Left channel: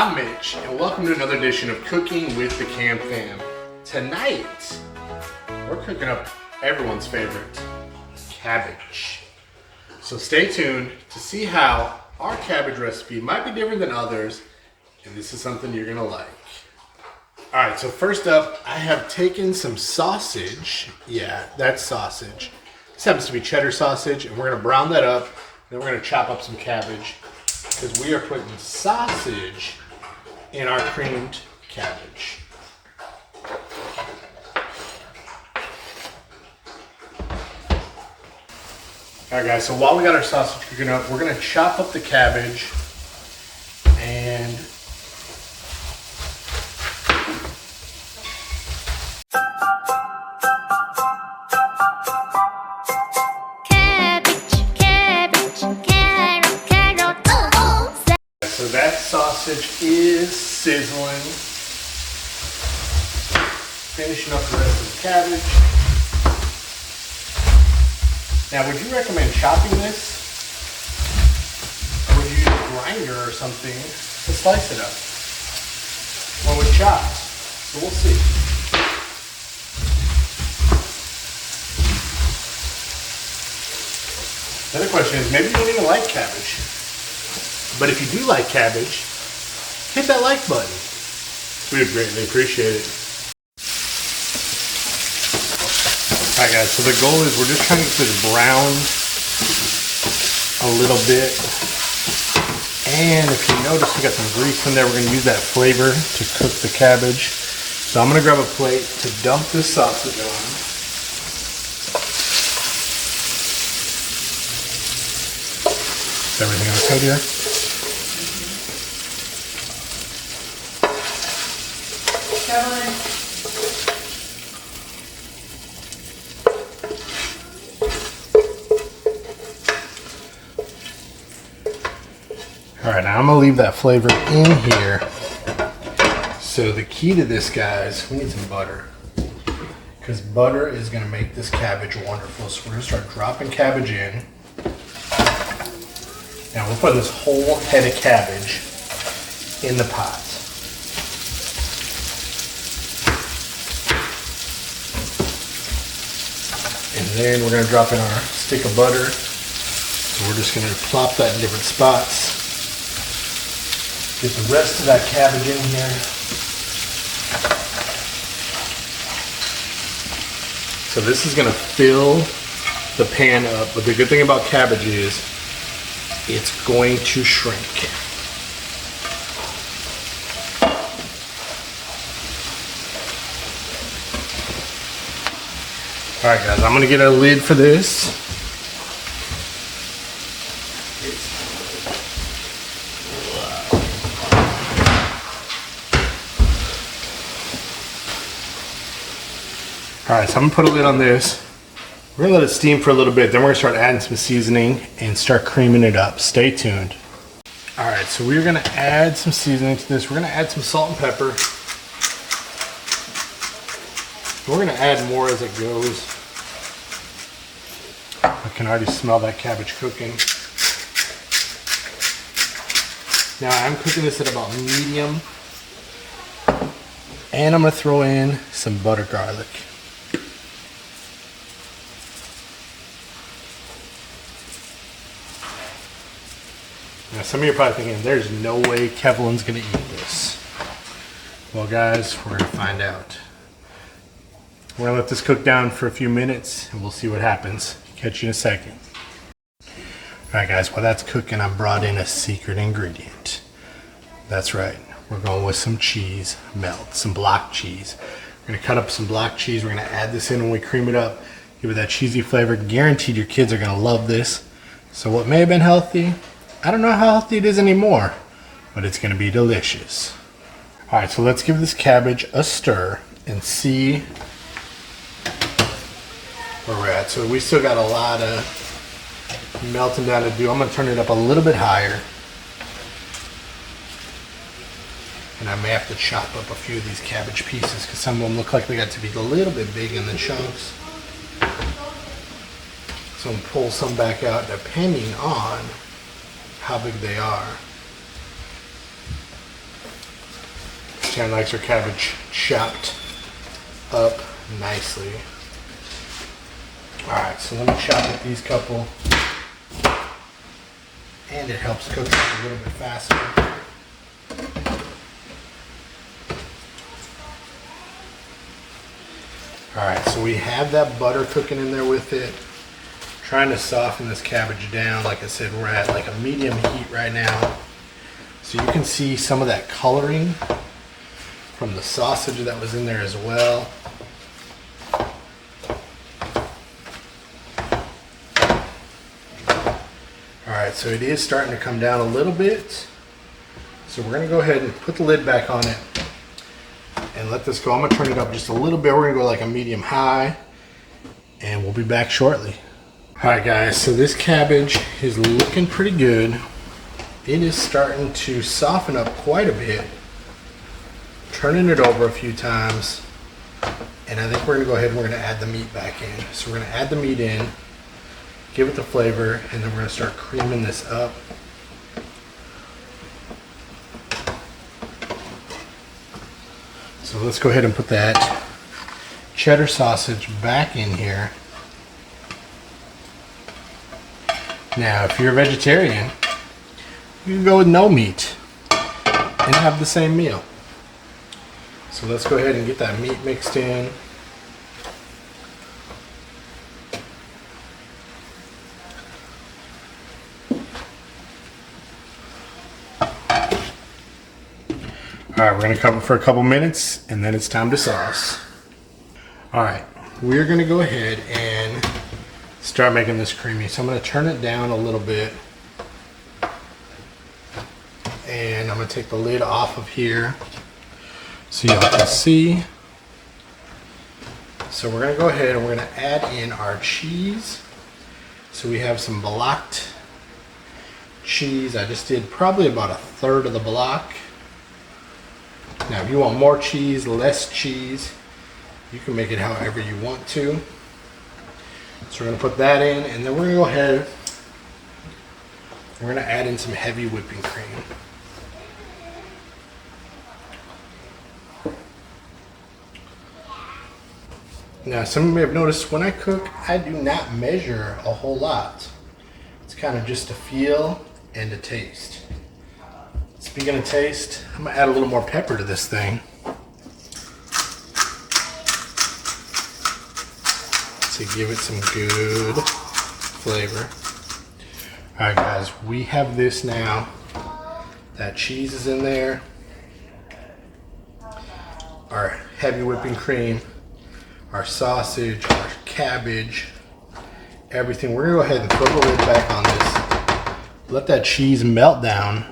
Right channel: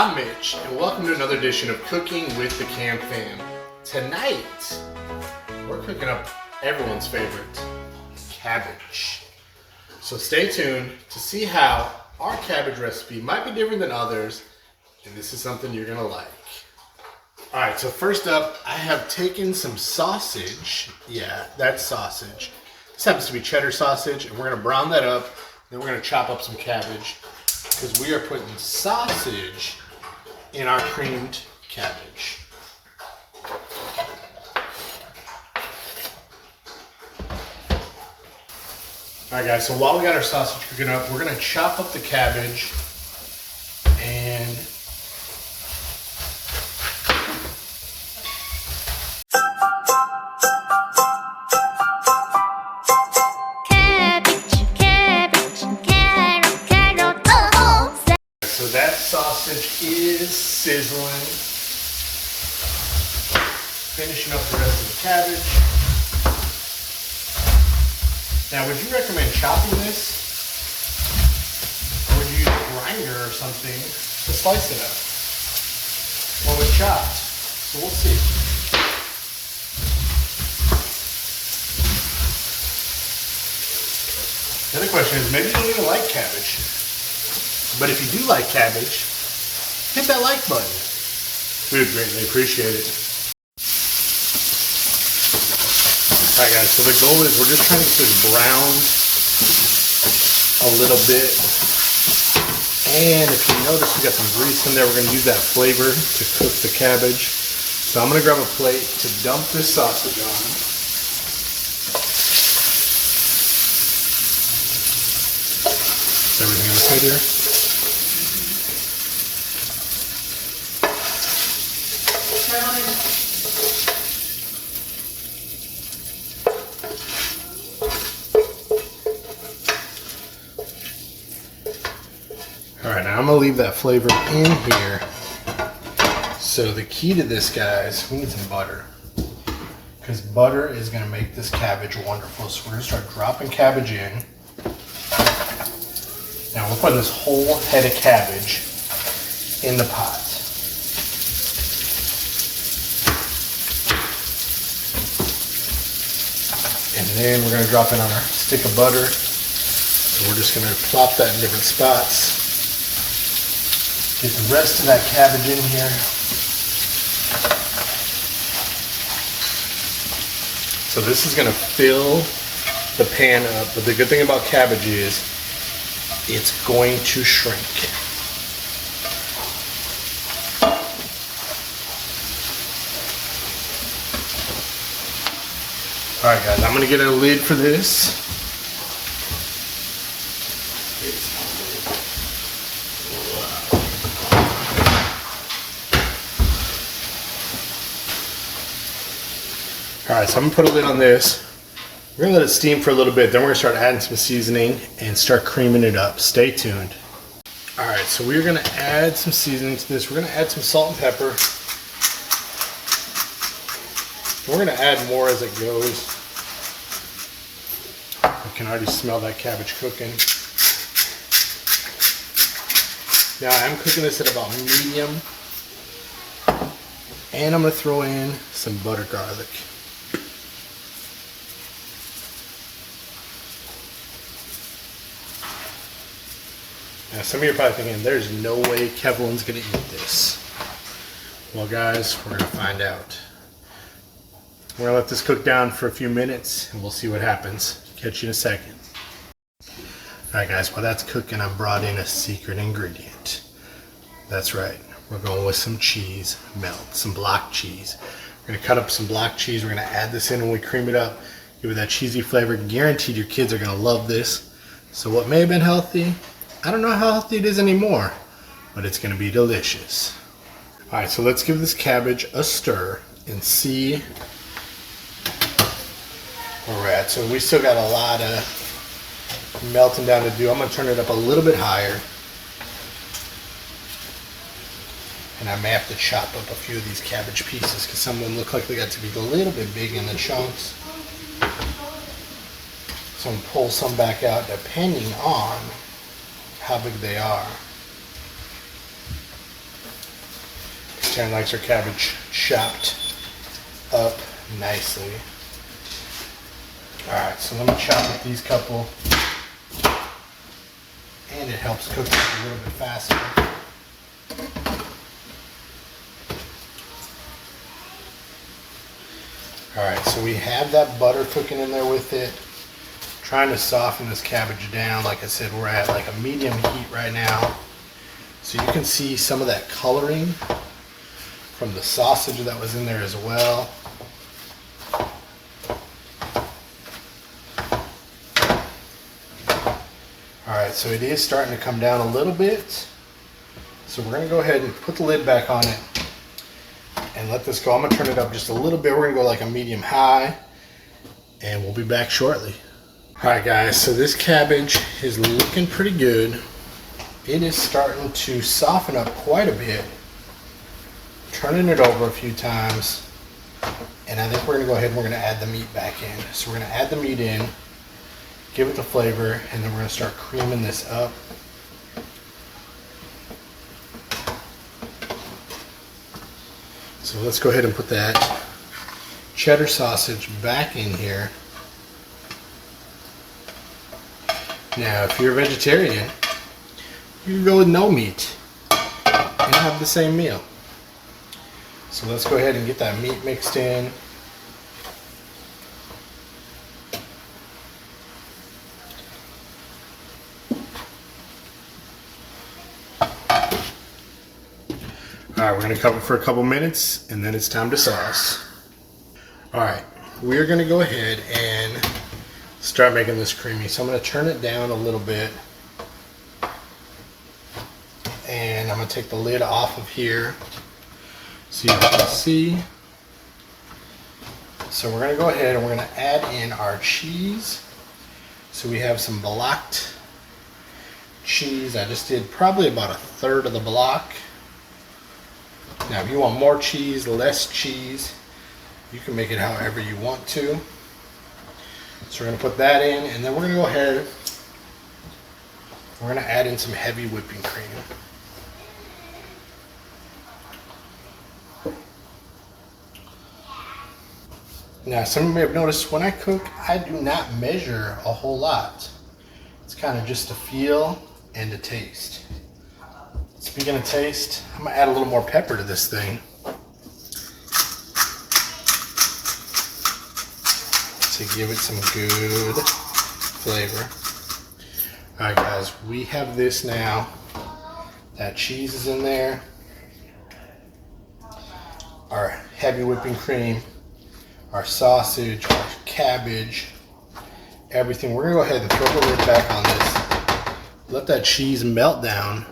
I'm Mitch, and welcome to another edition of Cooking with the KAM Fam. Tonight, we're cooking up everyone's favorite, cabbage. So stay tuned to see how our cabbage recipe might be different than others, and this is something you're gonna like. All right, so first up, I have taken some sausage. Yeah, that's sausage. This happens to be cheddar sausage, and we're gonna brown that up, then we're gonna chop up some cabbage, because we are putting sausage in our creamed cabbage. All right, guys, so while we got our sausage cooking up, we're gonna chop up the cabbage and so that sausage is sizzling. Finishing up the rest of the cabbage. Now, would you recommend chopping this? Or would you use a grinder or something to slice it up? Well, with chopped. So we'll see. The other question is, maybe you don't even like cabbage. But if you do like cabbage, hit that like button. We would greatly appreciate it. Alright guys, so the goal is we're just trying to get this browned a little bit. And if you notice we got some grease in there, we're going to use that flavor to cook the cabbage. So I'm going to grab a plate to dump this sausage on. Is everything okay here? Alright, now I'm going to leave that flavor in here. So the key to this, guys, we need some butter. Because butter is going to make this cabbage wonderful. So we're going to start dropping cabbage in. Now we're putting this whole head of cabbage in the pot. And then we're going to drop in our stick of butter. So we're just going to plop that in different spots. Get the rest of that cabbage in here. So this is going to fill the pan up. But the good thing about cabbage is it's going to shrink. All right, guys, I'm going to get a lid for this. All right, so I'm gonna put a lid on this. We're gonna let it steam for a little bit, then we're gonna start adding some seasoning and start creaming it up. Stay tuned. All right, so we're gonna add some seasoning to this. We're gonna add some salt and pepper. We're gonna add more as it goes. I can already smell that cabbage cooking. Now I'm cooking this at about medium. And I'm gonna throw in some butter garlic. Now some of you are probably thinking, there's no way Kevlin's gonna eat this. Well guys, we're gonna find out. We're gonna let this cook down for a few minutes and we'll see what happens. Catch you in a second. Alright guys, while that's cooking, I brought in a secret ingredient. That's right, we're going with some cheese melt, some block cheese. We're gonna cut up some block cheese, we're gonna add this in when we cream it up, give it that cheesy flavor. Guaranteed your kids are gonna love this. So what may have been healthy, I don't know how healthy it is anymore, but it's going to be delicious. All right, so let's give this cabbage a stir and see where we're at. So we still got a lot of melting down to do. I'm going to turn it up a little bit higher. And I may have to chop up a few of these cabbage pieces because some of them look like they got to be a little bit big in the chunks. So I'm going to pull some back out depending on how big they are. Taryn likes her cabbage chopped up nicely. Alright, so let me chop up these couple. And it helps cook it a little bit faster. Alright, so we have that butter cooking in there with it. Trying to soften this cabbage down. Like I said, we're at like a medium heat right now. So you can see some of that coloring from the sausage that was in there as well. Alright, so it is starting to come down a little bit. So we're going to go ahead and put the lid back on it and let this go. I'm going to turn it up just a little bit. We're going to go like a medium high and we'll be back shortly. Alright guys, so this cabbage is looking pretty good. It is starting to soften up quite a bit. Turning it over a few times. And I think we're going to go ahead and we're going to add the meat back in. So we're going to add the meat in, give it the flavor, and then we're going to start creaming this up. So let's go ahead and put that cheddar sausage back in here. Now, if you're a vegetarian, you can go with no meat and have the same meal. So let's go ahead and get that meat mixed in. Alright, we're going to cover for a couple minutes and then it's time to sauce. Alright, we're going to go ahead and start making this creamy. So I'm going to turn it down a little bit. And I'm going to take the lid off of here so you can see. So we're going to go ahead and we're going to add in our cheese. So we have some blocked cheese. I just did probably about 1/3 of the block. Now if you want more cheese, less cheese, you can make it however you want to. So we're going to put that in and then we're going to go ahead, we're going to add in some heavy whipping cream. Now some of you may have noticed when I cook, I do not measure a whole lot. It's kind of just a feel and a taste. Speaking of taste, I'm going to add a little more pepper to this thing to give it some good flavor. Alright guys, we have this now. That cheese is in there. Our heavy whipping cream, our sausage, our cabbage, everything. We're going to go ahead and throw the lid back on this. Let that cheese melt down.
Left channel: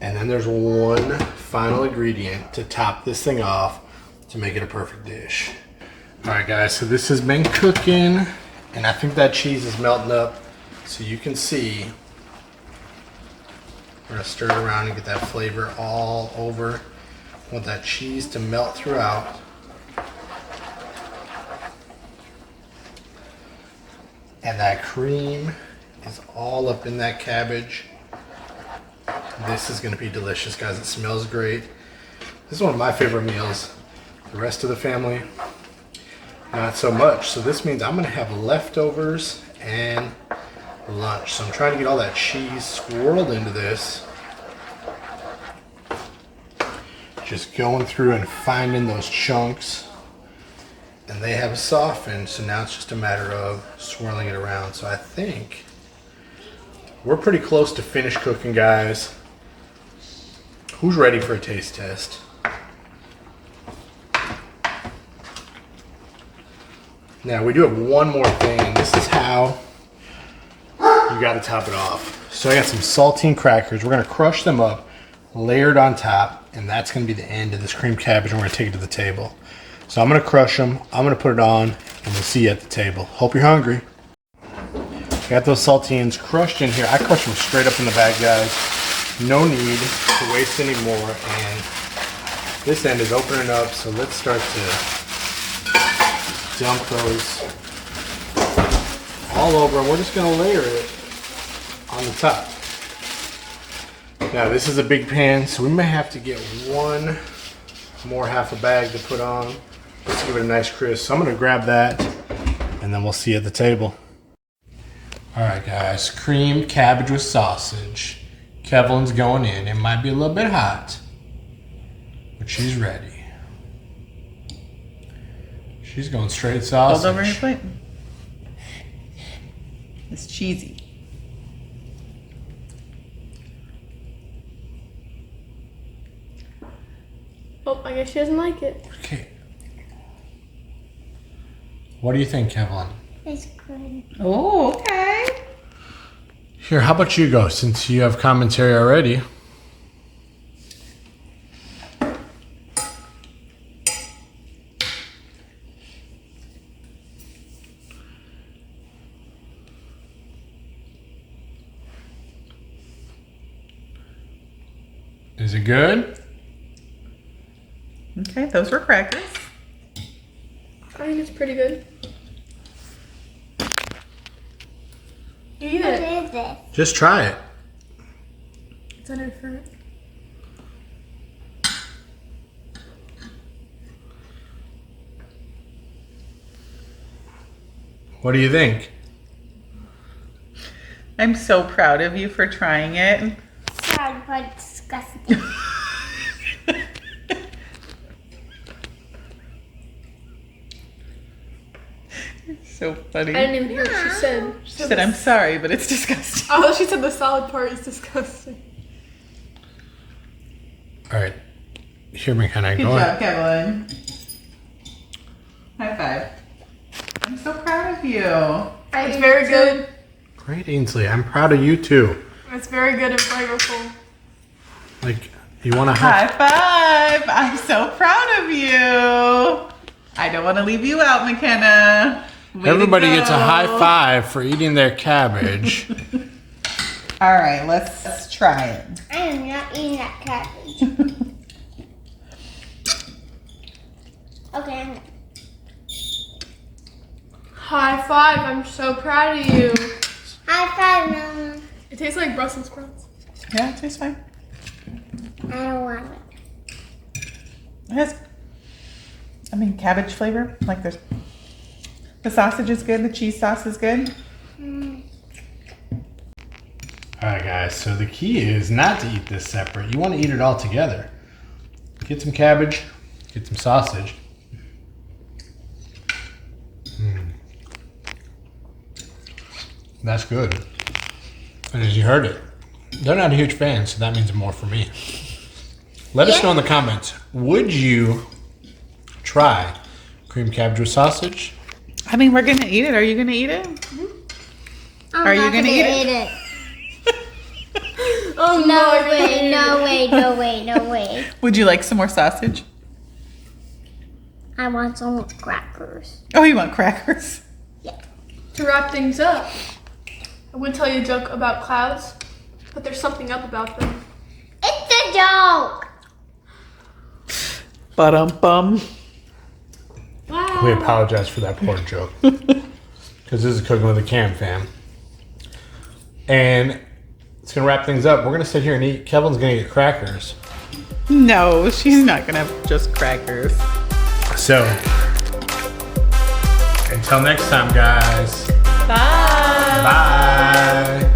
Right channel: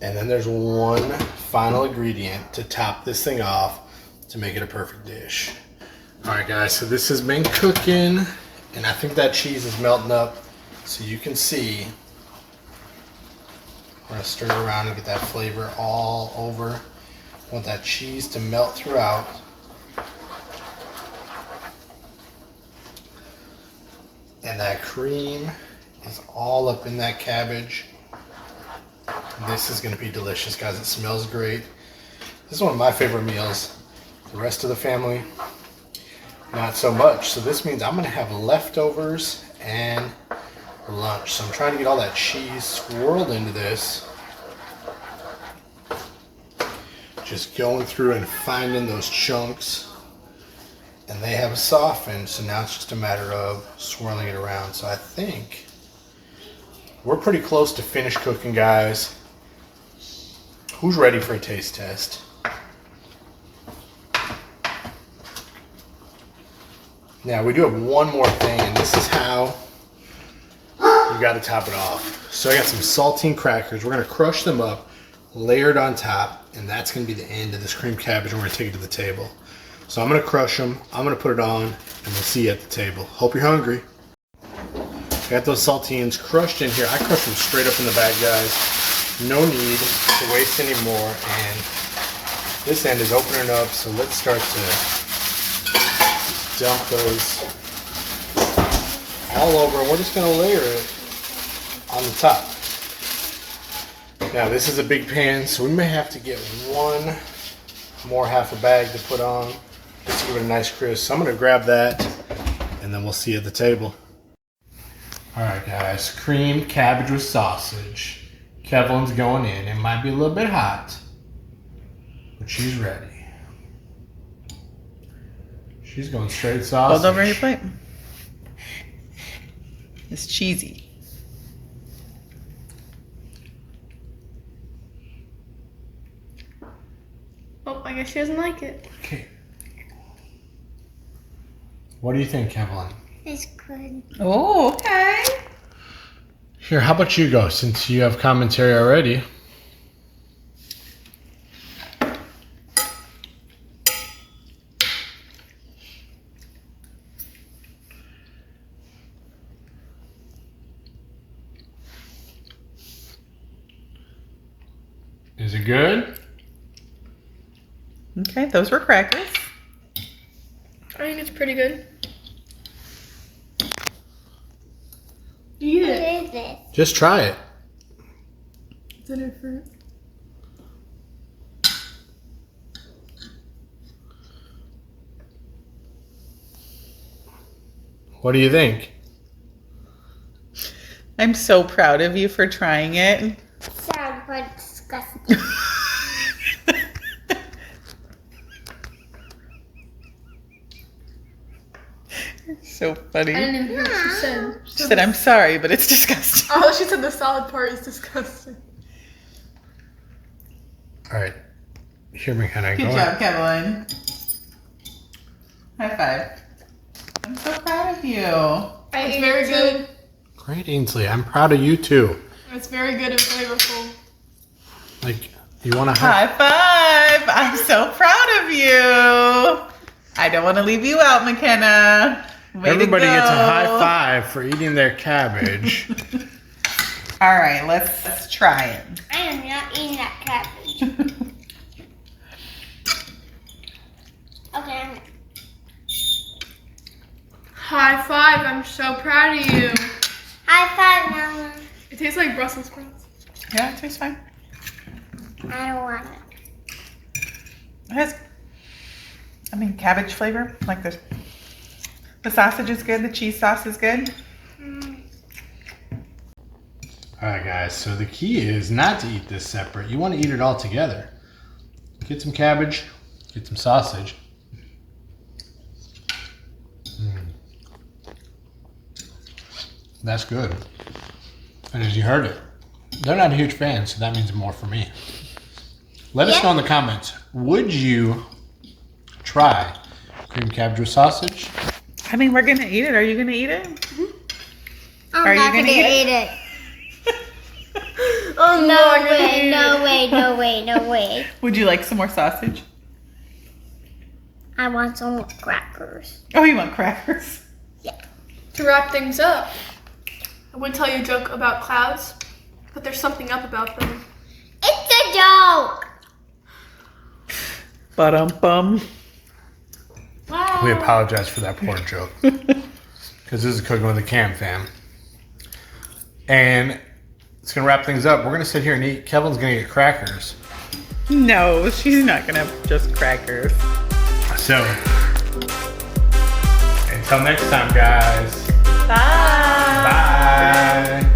And then there's one final ingredient to top this thing off to make it a perfect dish. Alright guys, so this has been cooking and I think that cheese is melting up so you can see. We're going to stir it around and get that flavor all over. I want that cheese to melt throughout. And that cream is all up in that cabbage. This is going to be delicious, guys. It smells great. This is one of my favorite meals. The rest of the family, not so much. So this means I'm going to have leftovers and lunch. So I'm trying to get all that cheese swirled into this. Just going through and finding those chunks. And they have softened, so now it's just a matter of swirling it around. So I think we're pretty close to finished cooking, guys. Who's ready for a taste test? Now we do have one more thing, and this is how you got to top it off. So I got some saltine crackers. We're going to crush them up, layer it on top, and that's going to be the end of this cream cabbage, and we're going to take it to the table. So I'm going to crush them, I'm going to put it on, and we'll see you at the table. Hope you're hungry. I got those saltines crushed in here. I crushed them straight up in the bag, guys. No need to waste any more. And this end is opening up, so let's start to dump those all over. And we're just going to layer it on the top. Now this is a big pan, so we may have to get one more half a bag to put on. Let's give it a nice crisp. So I'm gonna grab that and then we'll see you at the table. All right guys, creamed cabbage with sausage. Kevlin's going in. It might be a little bit hot, but she's ready. She's going straight sausage. Hold over your plate. It's cheesy. Oh, I guess she doesn't like it. Okay. What do you think, Kevlin? It's good. Oh, okay. Here, how about you go, since you have commentary already? Is it good? Okay, those were crackers. I think it's pretty good. Eat What it. is this? Just try it. It's under fruit. What do you think? I'm so proud of you for trying it. Sad but disgusting. So funny. I didn't even hear what she said. She said, I'm sorry, but it's disgusting. Oh, she said the salad part is disgusting. All right. Here, McKenna, Good go job, ahead. Kevin. High five. I'm so proud of you. It's very good. Great, Ainsley. I'm proud of you too. It's very good and flavorful. Like, you want to High five. I'm so proud of you. I don't want to leave you out, McKenna. Way to Everybody go. gets a high five for eating their cabbage. All right, let's try it. I am not eating that cabbage. Okay. High five. I'm so proud of you. High five, Mama. It tastes like Brussels sprouts. Yeah, it tastes fine. I don't want it. It has, cabbage flavor. Like this. The sausage is good. The cheese sauce is good. All right, guys. So the key is not to eat this separate. You want to eat it all together. Get some cabbage. Get some sausage. That's good. And as you heard it, they're not a huge fan, so that means more for me. Let us know in the comments. Would you try creamed cabbage with sausage? We're gonna eat it. Are you gonna eat it? I'm Are not you gonna eat it? Oh No way, no way, no way, no way. Would you like some more sausage? I want some crackers. Oh, you want crackers? To wrap things up, I would tell you a joke about clouds, but there's something up about them. It's a joke. Ba-dum-bum. We apologize for that poor joke. Because this is Cooking with the KAM Fam. And it's going to wrap things up. We're going to sit here and eat. Kevin's going to get crackers. No, she's not gonna have just crackers. So, until next time, guys. Bye. Bye.